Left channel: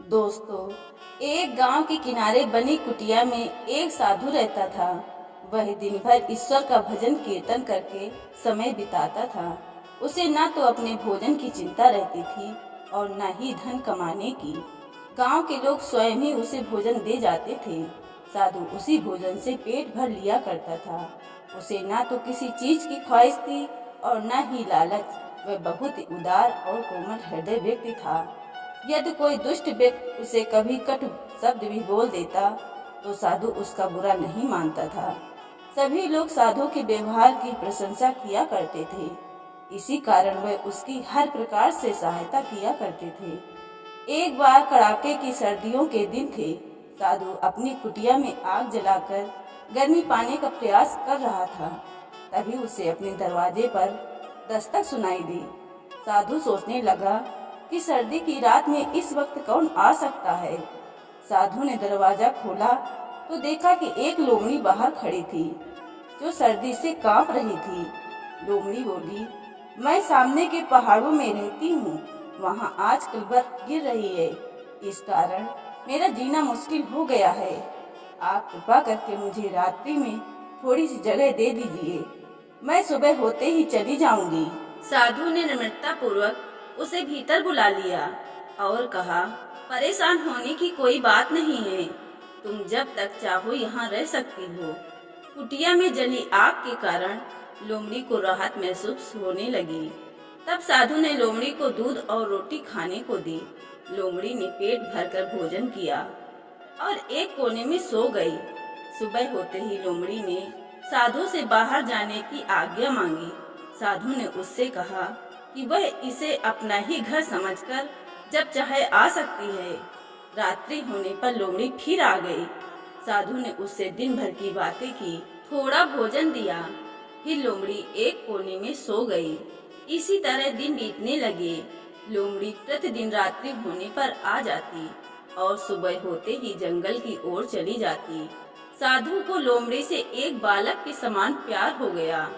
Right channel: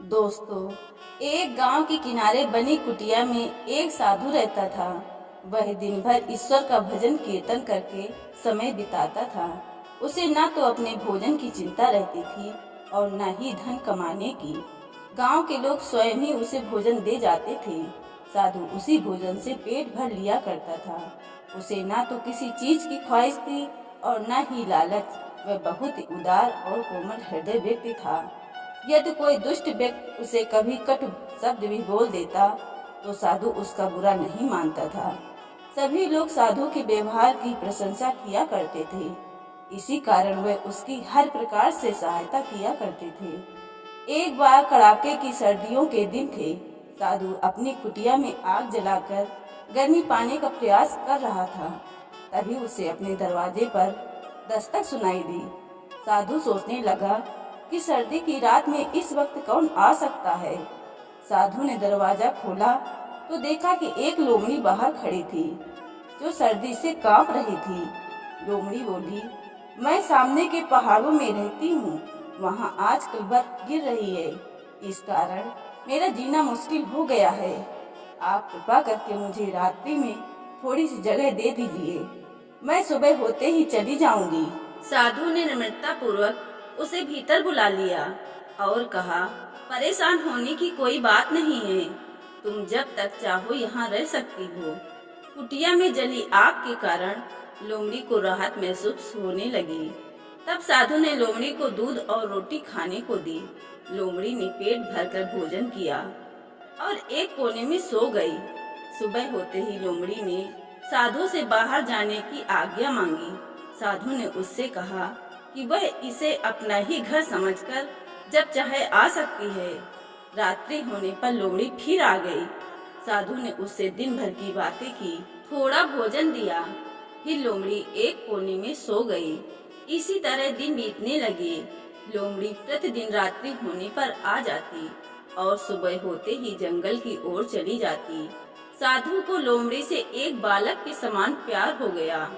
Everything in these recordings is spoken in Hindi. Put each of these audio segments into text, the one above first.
दोस्तों, एक गांव के किनारे बनी कुटिया में एक साधु रहता था। वह दिन भर ईश्वर का भजन कीर्तन करके समय बिताता था। उसे न तो अपने भोजन की चिंता रहती थी और न ही धन कमाने की। गांव के लोग स्वयं ही उसे भोजन दे जाते थे। साधु उसी भोजन से पेट भर लिया करता था। उसे न तो किसी चीज की ख्वाहिश थी और न ही लालच। वह बहुत ही उदार और कोमल हृदय व्यक्ति था। यदि कोई दुष्ट व्यक्ति उसे कभी कटु शब्द भी बोल देता तो साधु उसका बुरा नहीं मानता था। सभी लोग साधु के व्यवहार की प्रशंसा किया करते थे। इसी कारण वह उसकी हर प्रकार से सहायता किया करते थे। एक बार कड़ाके की सर्दियों के दिन थे। साधु अपनी कुटिया में आग जलाकर गर्मी पाने का प्रयास कर रहा था। तभी उसे अपने दरवाजे पर दस्तक सुनाई दी। साधु सोचने लगा कि सर्दी की रात में इस वक्त कौन आ सकता है। साधु ने दरवाजा खोला तो देखा कि एक लोमड़ी बाहर खड़ी थी, जो सर्दी से कांप रही थी। लोमड़ी बोली, मैं सामने के पहाड़ों में रहती हूँ। वहाँ आजकल बर्फ गिर रही है। इस कारण मेरा जीना मुश्किल हो गया है। आप कृपा करके मुझे रात्रि में थोड़ी सी जगह दे दीजिए। मैं सुबह होते ही चली जाऊंगी। साधु ने नम्रता पूर्वक उसे भीतर बुला लिया और कहा, परेशान होने की कोई बात नहीं है। तुम जब तक चाहो यहाँ रह सकती हो। कुटिया में जली आग के कारण लोमड़ी को राहत महसूस होने लगी। तब साधु ने लोमड़ी को दूध और रोटी खाने को दी। लोमड़ी ने पेट भरकर भोजन किया और एक कोने में सो गई। सुबह होते ही लोमड़ी ने साधु से बाहर जाने की आज्ञा मांगी। साधु ने उससे कहा कि वह इसे अपना ही घर समझकर जब चाहे आ सकती है। रात्रि होने पर लोमड़ी फिर आ गई। साधु ने उससे दिन भर की बातें की, थोड़ा भोजन दिया। फिर लोमड़ी एक कोने में सो गई। इसी तरह दिन बीतने लगे। लोमड़ी प्रतिदिन रात्रि होने पर आ जाती और सुबह होते ही जंगल की ओर चली जाती। साधु को लोमड़ी से एक बालक के समान प्यार हो गया।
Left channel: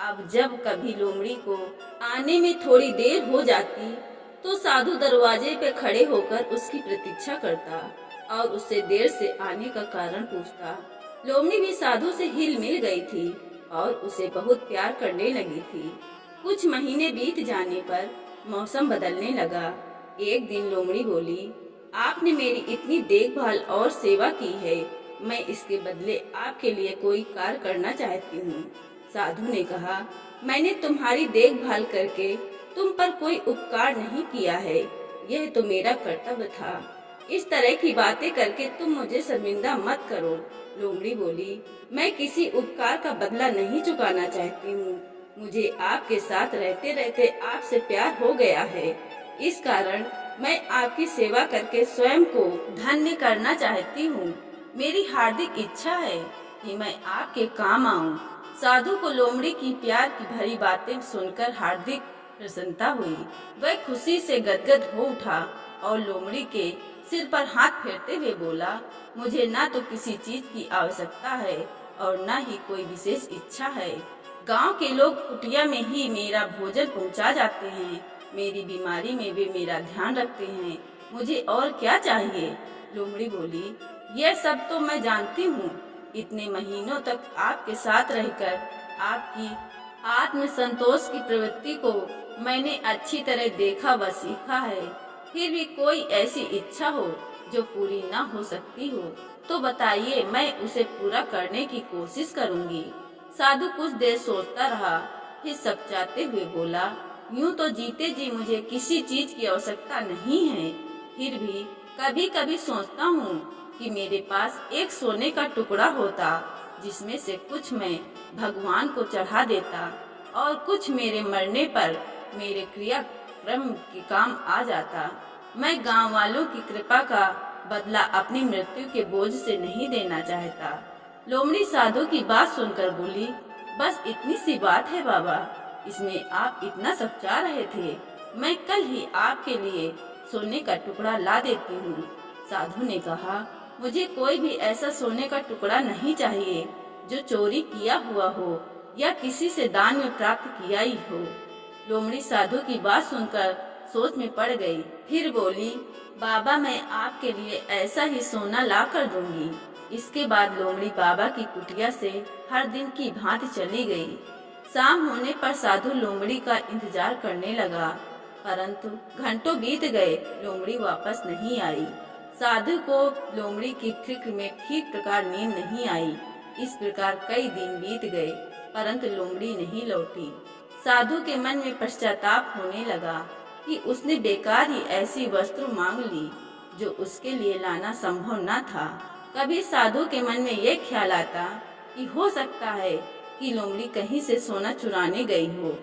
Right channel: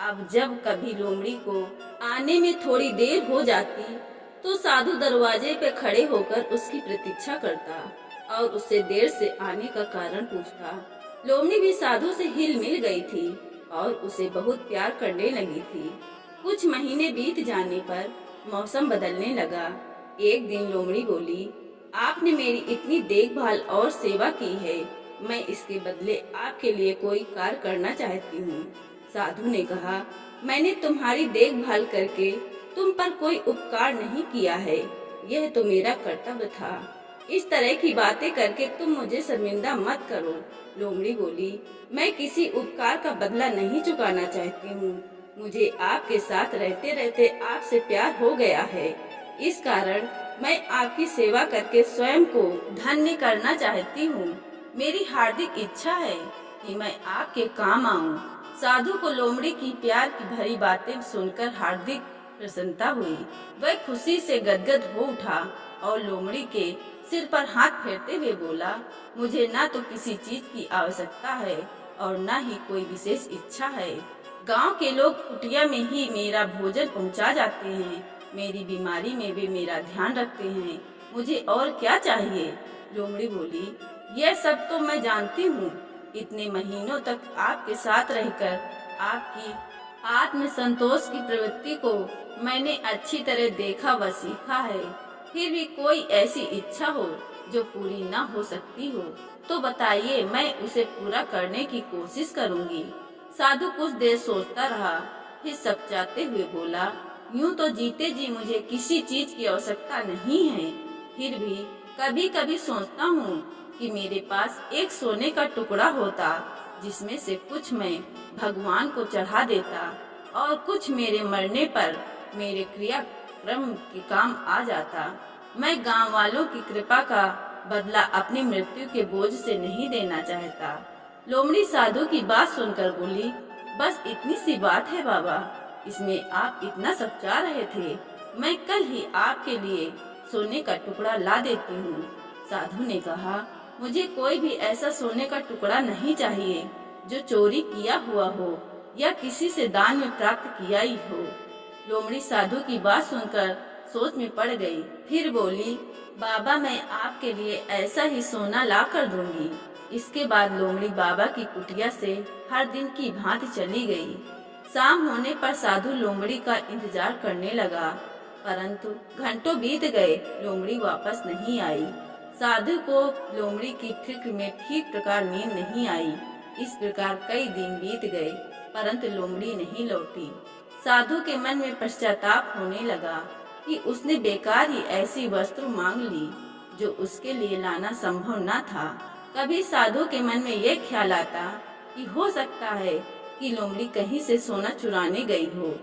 अब जब कभी लोमड़ी को आने में थोड़ी देर हो जाती तो साधु दरवाजे पे खड़े होकर उसकी प्रतीक्षा करता और उससे देर से आने का कारण पूछता। लोमड़ी भी साधु से हिल मिल गई थी और उसे बहुत प्यार करने लगी थी। कुछ महीने बीत जाने पर मौसम बदलने लगा। एक दिन लोमड़ी बोली, आपने मेरी इतनी देखभाल और सेवा की है, मैं इसके बदले आपके लिए कोई कार्य करना चाहती हूँ। साधु ने कहा, मैंने तुम्हारी देखभाल करके तुम पर कोई उपकार नहीं किया है। यह तो मेरा कर्तव्य था। इस तरह की बातें करके तुम मुझे शर्मिंदा मत करो। लोमड़ी बोली, मैं किसी उपकार का बदला नहीं चुकाना चाहती हूँ। मुझे आपके साथ रहते रहते आपसे प्यार हो गया है। इस कारण मैं आपकी सेवा करके स्वयं को धन्य करना चाहती हूँ। मेरी हार्दिक इच्छा है कि मैं आपके काम आऊँ। साधु को लोमड़ी की प्यार की भरी बातें सुनकर हार्दिक प्रसन्नता हुई। वह खुशी से गदगद हो उठा और लोमड़ी के सिर पर हाथ फेरते हुए बोला, मुझे न तो किसी चीज की आवश्यकता है और न ही कोई विशेष इच्छा है। गांव के लोग कुटिया में ही मेरा भोजन पहुंचा जाते हैं। मेरी बीमारी में वे मेरा ध्यान रखते हैं। मुझे और क्या चाहिए? लोमड़ी बोली, यह सब तो मैं जानती हूँ। इतने महीनों तक आपके साथ रहकर आपकी आत्म संतोष की प्रवृत्ति को मैंने अच्छी तरह देखा व सीखा है। फिर भी कोई ऐसी इच्छा हो जो पूरी न हो सकती हो तो बताइए, मैं उसे पूरा करने की कोशिश करूंगी। साधु कुछ देर सोचता रहा, फिर सकचाते हुए बोला, यूं तो जीते जी मुझे किसी चीज की आवश्यकता नहीं है। फिर भी कभी कभी सोचता हूँ कि मेरे पास एक सोने का टुकड़ा होता, जिसमें से कुछ मैं भगवान को चढ़ा देता और कुछ मेरे मरने पर मेरे क्रियाक्रम के काम आ जाता। मैं गांव वालों की कृपा का बदला अपनी मृत्यु के बोझ से नहीं देना चाहता। लोमड़ी साधु की बात सुनकर बोली, बस इतनी सी बात है बाबा, इसमें आप इतना सकचा रहे थे। मैं कल ही आपके लिए सोने का टुकड़ा ला देती हूँ। साधु ने कहा, मुझे कोई भी ऐसा सोने का टुकड़ा नहीं चाहिए जो चोरी किया हुआ हो या किसी से दान में प्राप्त किया ही हो। लोमड़ी साधु की बात सुनकर सोच में पड़ गई। फिर बोली, बाबा मैं आपके लिए ऐसा ही सोना ला कर दूंगी। इसके बाद लोमड़ी बाबा की कुटिया से हर दिन की भांति चली गई। शाम होने पर साधु लोमड़ी का इंतजार करने लगा, परंतु घंटों बीत गए, लोमड़ी वापस नहीं आई। साधु को लोमड़ी की फिक्र में ठीक प्रकार नींद नहीं आई। इस प्रकार कई दिन बीत गए, परंतु लोमड़ी नहीं लौटी। साधु के मन में पश्चाताप होने लगा कि उसने बेकार ही ऐसी वस्तु मांग ली जो उसके लिए लाना संभव न था। कभी साधु के मन में यह ख्याल आता कि हो सकता है कि लोमड़ी कहीं से सोना चुराने गई हो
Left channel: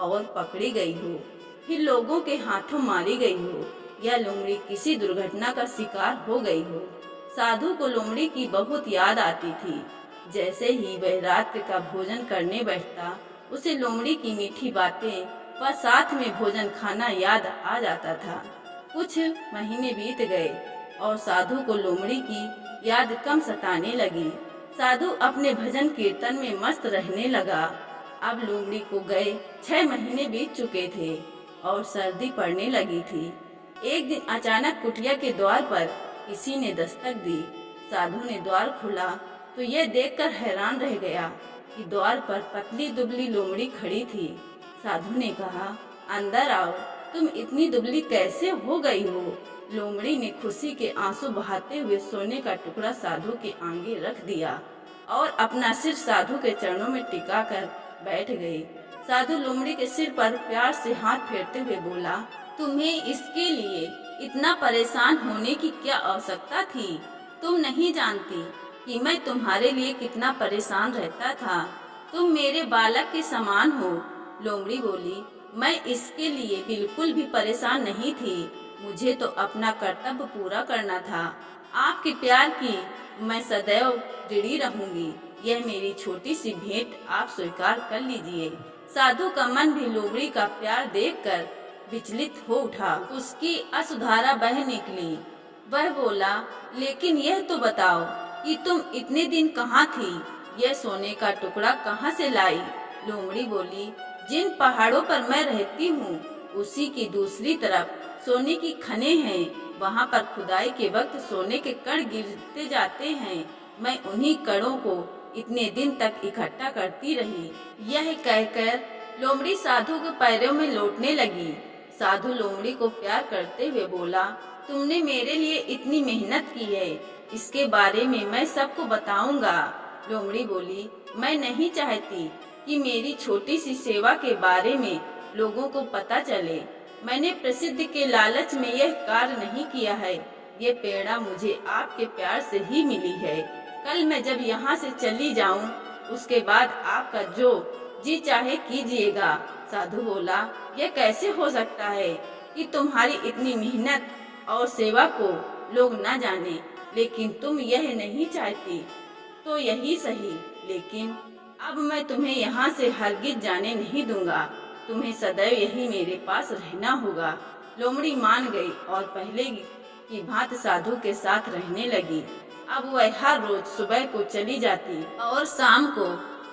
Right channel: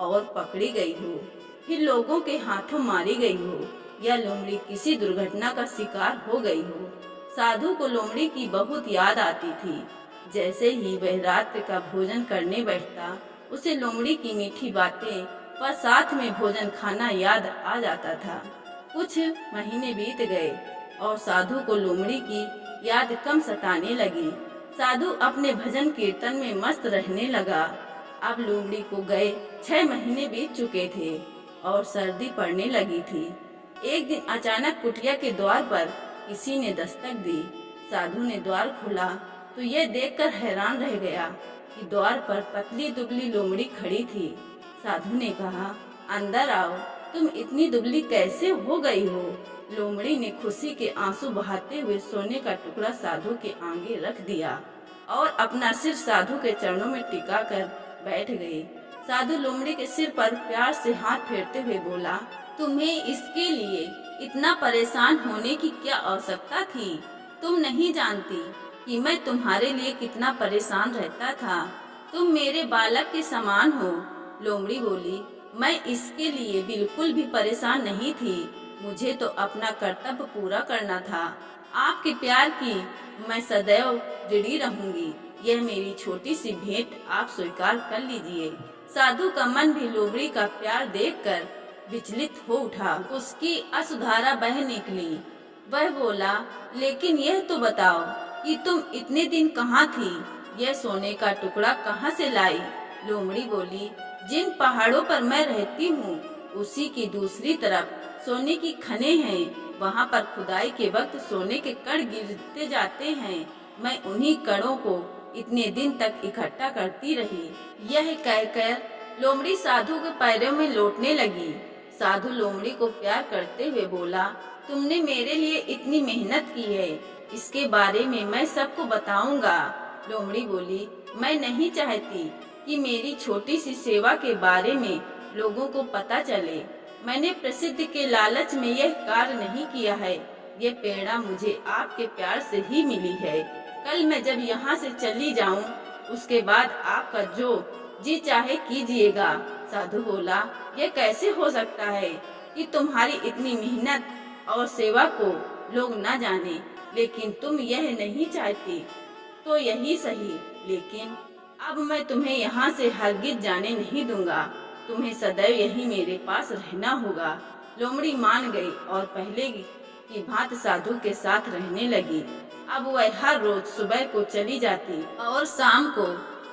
और पकड़ी गई हो, फिर लोगों के हाथों मारी गई हो, या लोमड़ी किसी दुर्घटना का शिकार हो गई हो। साधु को लोमड़ी की बहुत याद आती थी। जैसे ही वह रात्रि का भोजन करने बैठता, उसे लोमड़ी की मीठी बातें व साथ में भोजन खाना याद आ जाता था। कुछ महीने बीत गए और साधु को लोमड़ी की याद कम सताने लगी। साधु अपने भजन कीर्तन में मस्त रहने लगा। अब लोमड़ी को गए 6 महीने बीत चुके थे और सर्दी पड़ने लगी थी। एक दिन अचानक कुटिया के द्वार पर किसी ने दस्तक दी। साधु ने द्वार खोला तो यह देखकर हैरान रह गया कि द्वार पर पतली दुबली लोमड़ी खड़ी थी। साधु ने कहा, अंदर आओ, तुम इतनी दुबली कैसे हो गई हो? लोमड़ी ने खुशी के आंसू बहाते हुए सोने का टुकड़ा साधु के आगे रख दिया और अपना सिर साधु के चरणों में टिका कर बैठ गई। साधु लोमड़ी के सिर पर प्यार से हाथ फेरते हुए बोला, तुम्हें इसके लिए इतना परेशान होने की क्या आवश्यकता थी? तुम नहीं जानती कि मैं तुम्हारे लिए कितना परेशान रहता था। तुम मेरे बालक के समान हो। लोमड़ी बोली, मैं इसके लिए बिल्कुल भी परेशान नहीं थी। मुझे तो अपना कर्तव्य पूरा करना था। आपके प्यार की मैं सदैव ऋणी रहूंगी। यह मेरी छोटी सी भेंट आप स्वीकार कर लीजिए। साधु का मन भी लोमड़ी का प्यार देखकर विचलित हो उठा। उसकी अश्रुधारा बह निकली। वह बोला, लेकिन यह तो बताओ कि तुम इतने दिन कहाँ थी? यह सोने का टुकड़ा कहाँ से लाई? लोमड़ी बोली, जिन पहाड़ों पर मैं रहती हूँ उसी की दूसरी तरफ सोने की खने हैं। वहाँ पर खुदाई के वक्त सोने के कण गिरते जाते हैं। मैं उन्हीं कणों को इतने दिन तक इकट्ठा करती रही। यह कहकर लोमड़ी साधु के पैरों में लौटने लगी। साधु लोमड़ी को प्यार करते हुए बोला, तुमने मेरे लिए इतनी मेहनत की है, इसके बारे में मैं सबको बताऊंगा। लोमड़ी बोली, मैं नहीं चाहती कि मेरी छोटी सी सेवा के बारे में लोगों को पता चले। मैंने प्रसिद्ध के लालच में यह कार्य नहीं किया है। ये प्रेरणा मुझे आपके प्यार से ही मिली है। कल मैं जब यहाँ से चली जाऊँ, उसके बाद आपका जो जी चाहे कीजिएगा। साधु बोला, यह कैसे हो सकता है कि तुम्हारी इतनी मेहनत और सेवा को लोग न जाने, लेकिन तुम यह नहीं चाहती तो यही सही। लेकिन अब मैं तुम्हें यहाँ से हरगिज जाने नहीं दूंगा। तुम्हें सदैव यही मेरे पास रहना होगा। लोमड़ी मान गई और पहले की भांति साधु के साथ रहने लगी। अब वह हर रोज सुबह को चली जाती और शाम को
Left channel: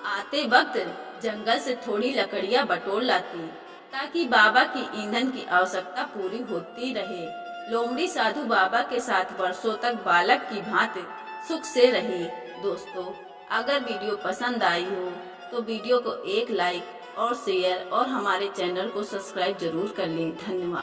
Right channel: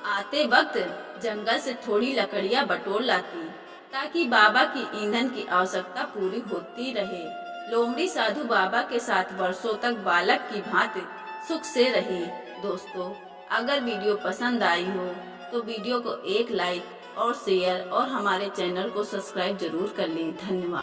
आते वक्त जंगल से थोड़ी लकड़ियाँ बटोर लाती ताकि बाबा की ईंधन की आवश्यकता पूरी होती रहे। लोमड़ी साधु बाबा के साथ वर्षों तक बालक की भांति सुख से रही। दोस्तों, अगर वीडियो पसंद आई हो तो वीडियो को एक लाइक और शेयर और हमारे चैनल को सब्सक्राइब जरूर कर लें। धन्यवाद।